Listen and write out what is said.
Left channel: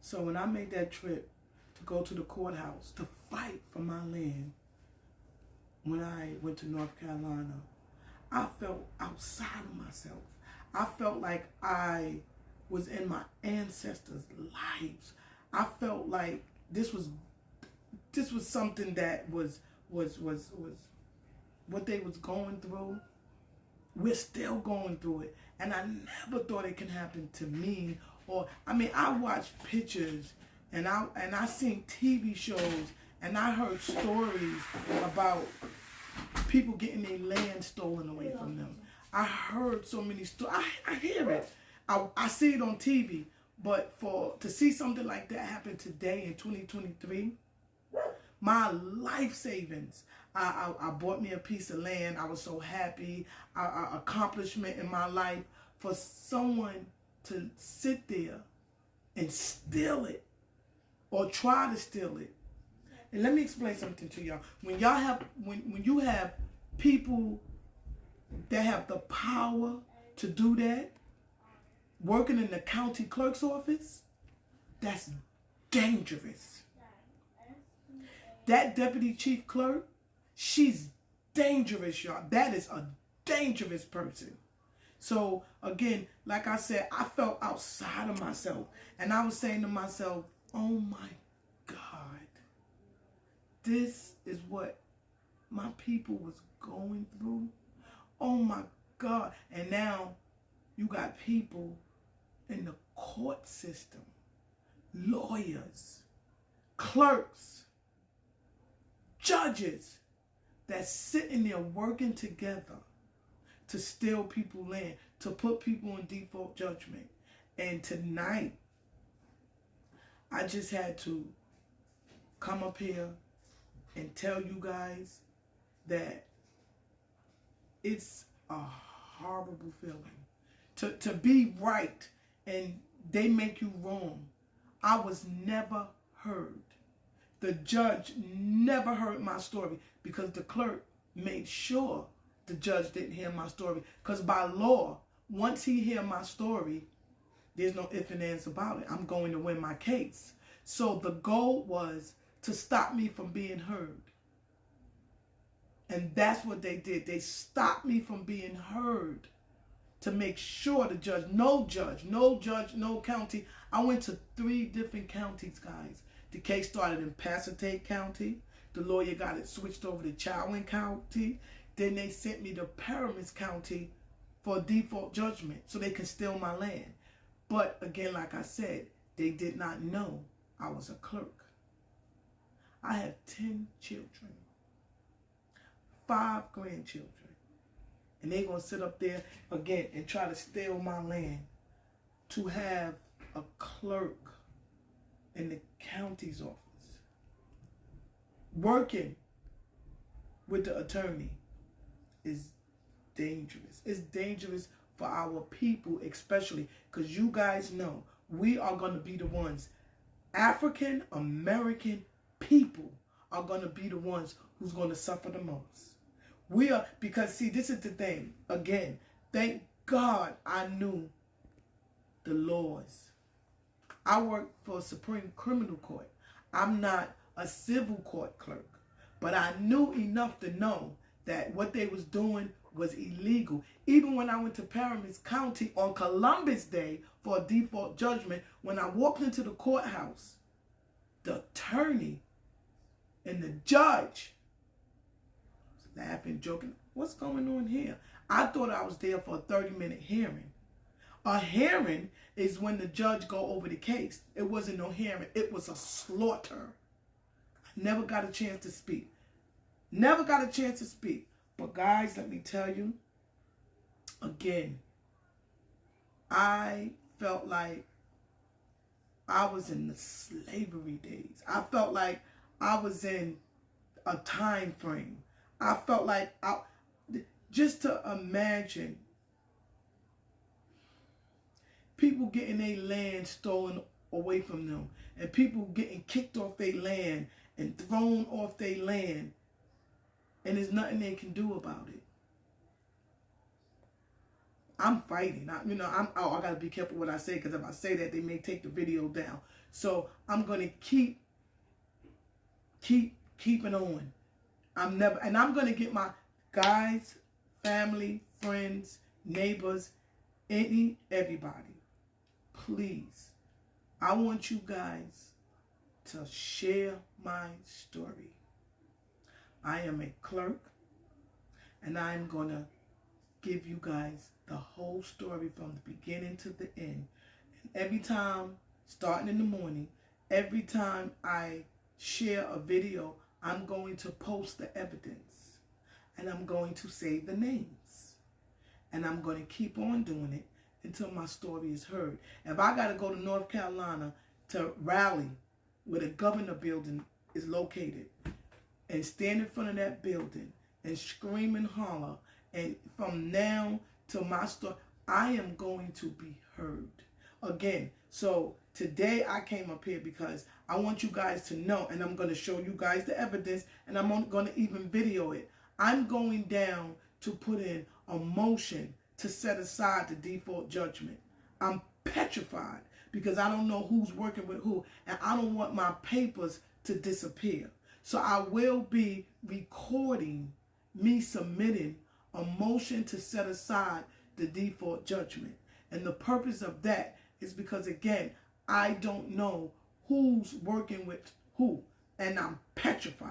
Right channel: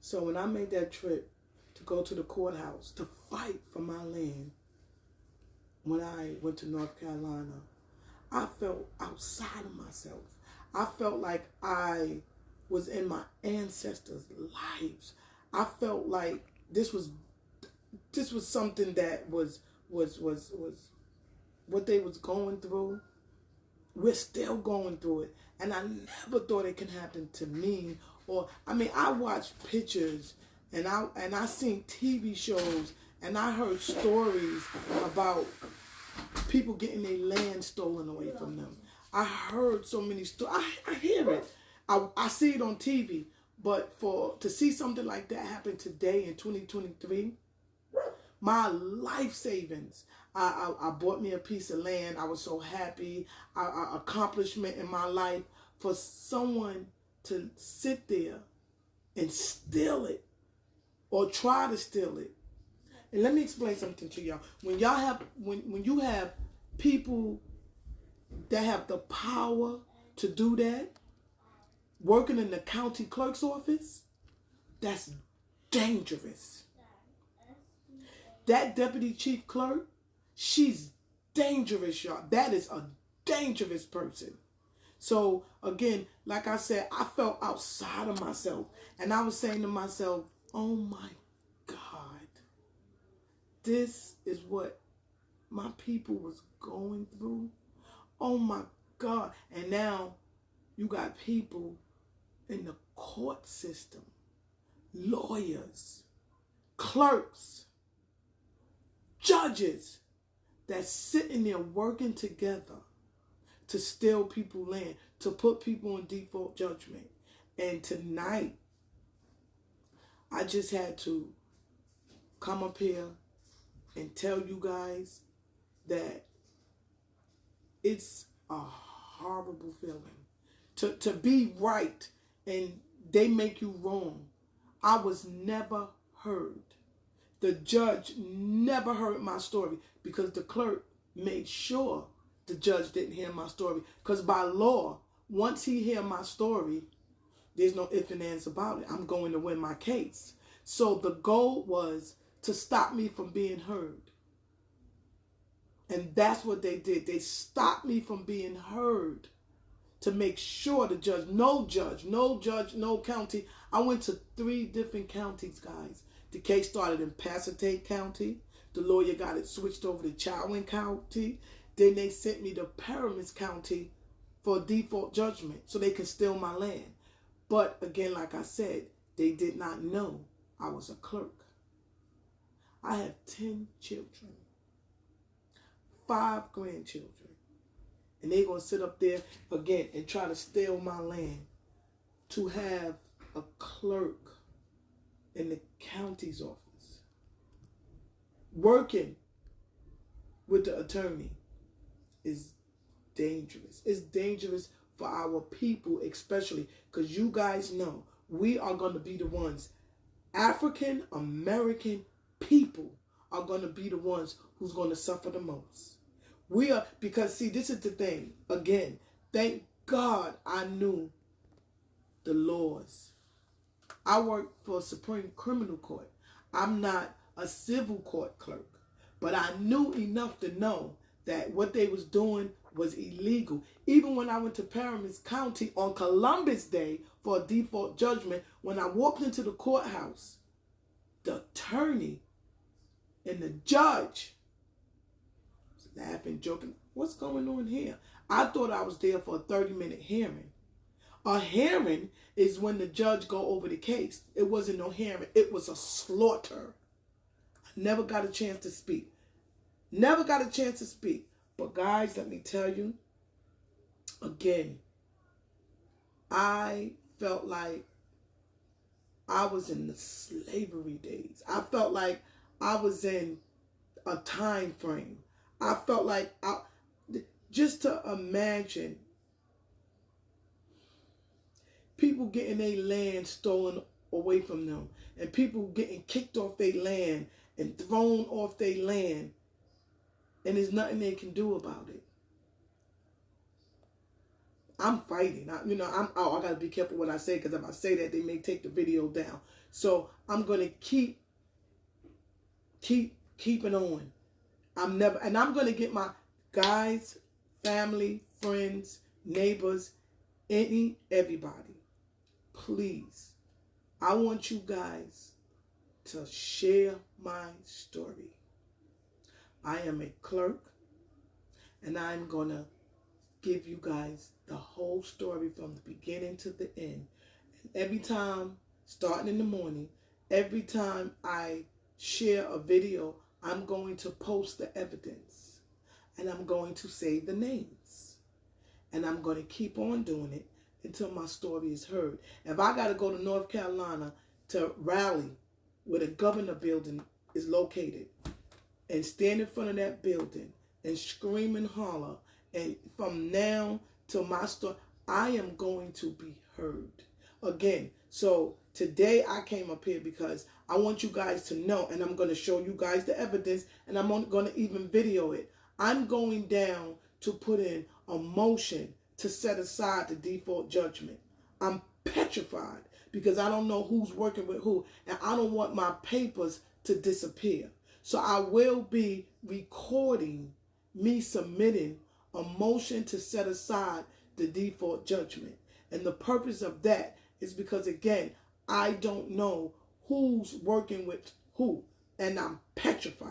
So when I made that trip to go to the courthouse to fight for my land, when I went to North Carolina, I felt outside of myself. I felt like I was in my ancestors' lives. I felt like this was something that was what they was going through. We're still going through it, and I never thought it could happen to me. Or I mean, I watched pictures, and I seen TV shows, and I heard stories about people getting their land stolen away from them. I heard so many stories. I hear it. I see it on TV. But to see something like that happen today in 2023, my life savings. I bought me a piece of land. I was so happy. Accomplishment in my life for someone to sit there and steal it or try to steal it. And let me explain something to y'all. When you have people that have the power to do that, working in the county clerk's office, that's dangerous. That deputy chief clerk, she's dangerous, y'all. That is a dangerous person. So again, like I said, I felt outside of myself. And I was saying to myself, oh my God, this is what my people was going through. Oh my God. And now you got people in the court system, lawyers, clerks, judges that's sitting there working together to steal people's land, to put people in default judgment. And tonight, I just had to come up here and tell you guys that it's a horrible feeling to be right and they make you wrong. I was never heard. The judge never heard my story because the clerk made sure the judge didn't hear my story. Because by law, once he hear my story, there's no ifs and ands about it. I'm going to win my case. So the goal was to stop me from being heard. And that's what they did. They stopped me from being heard to make sure the judge, no county. I went to 3 different counties, guys. The case started in Passaic County. The lawyer got it switched over to Chowan County. Then they sent me to Paramus County for default judgment so they could steal my land. But again, like I said, they did not know I was a clerk. I have 10 children, 5 grandchildren. And they're going to sit up there again and try to steal my land to have a clerk in the county's office working with the attorney is dangerous. It's dangerous for our people, especially because you guys know we are going to be the ones. African American people are going to be the ones who's going to suffer the most. We are, because see, this is the thing. Again, thank God I knew the laws. I work for a Supreme Criminal Court. I'm not a civil court clerk, but I knew enough to know that what they was doing was illegal. Even when I went to Paramus County on Columbus Day for a default judgment, when I walked into the courthouse, the attorney and the judge was laughing, joking. What's going on here? I thought I was there for a 30-minute hearing. A hearing is when the judge go over the case. It wasn't no hearing. It was a slaughter. I never got a chance to speak. Never got a chance to speak. But guys, let me tell you, again, I felt like I was in the slavery days. I felt like I was in a time frame. I felt like just to imagine people getting their land stolen away from them and people getting kicked off their land and thrown off their land, and there's nothing they can do about it. I'm fighting. I got to be careful what I say, because if I say that, they may take the video down. So I'm going to keeping on. I'm going to get my guys, family, friends, neighbors, everybody. Please, I want you guys to share my story. I am a clerk, and I'm going to give you guys the whole story from the beginning to the end. And every time, starting in the morning, every time I share a video, I'm going to post the evidence, and I'm going to say the names, and I'm going to keep on doing it until my story is heard. If I got to go to North Carolina to rally where the governor building is located and stand in front of that building and scream and holler, and from now till my story, I am going to be heard. Again, so today I came up here because I want you guys to know, and I'm going to show you guys the evidence, and I'm going to even video it. I'm going down to put in a motion to set aside the default judgment. I'm petrified because I don't know who's working with who, and I don't want my papers to disappear. So I will be recording me submitting a motion to set aside the default judgment. And the purpose of that is because, again, I don't know who's working with who, and I'm petrified.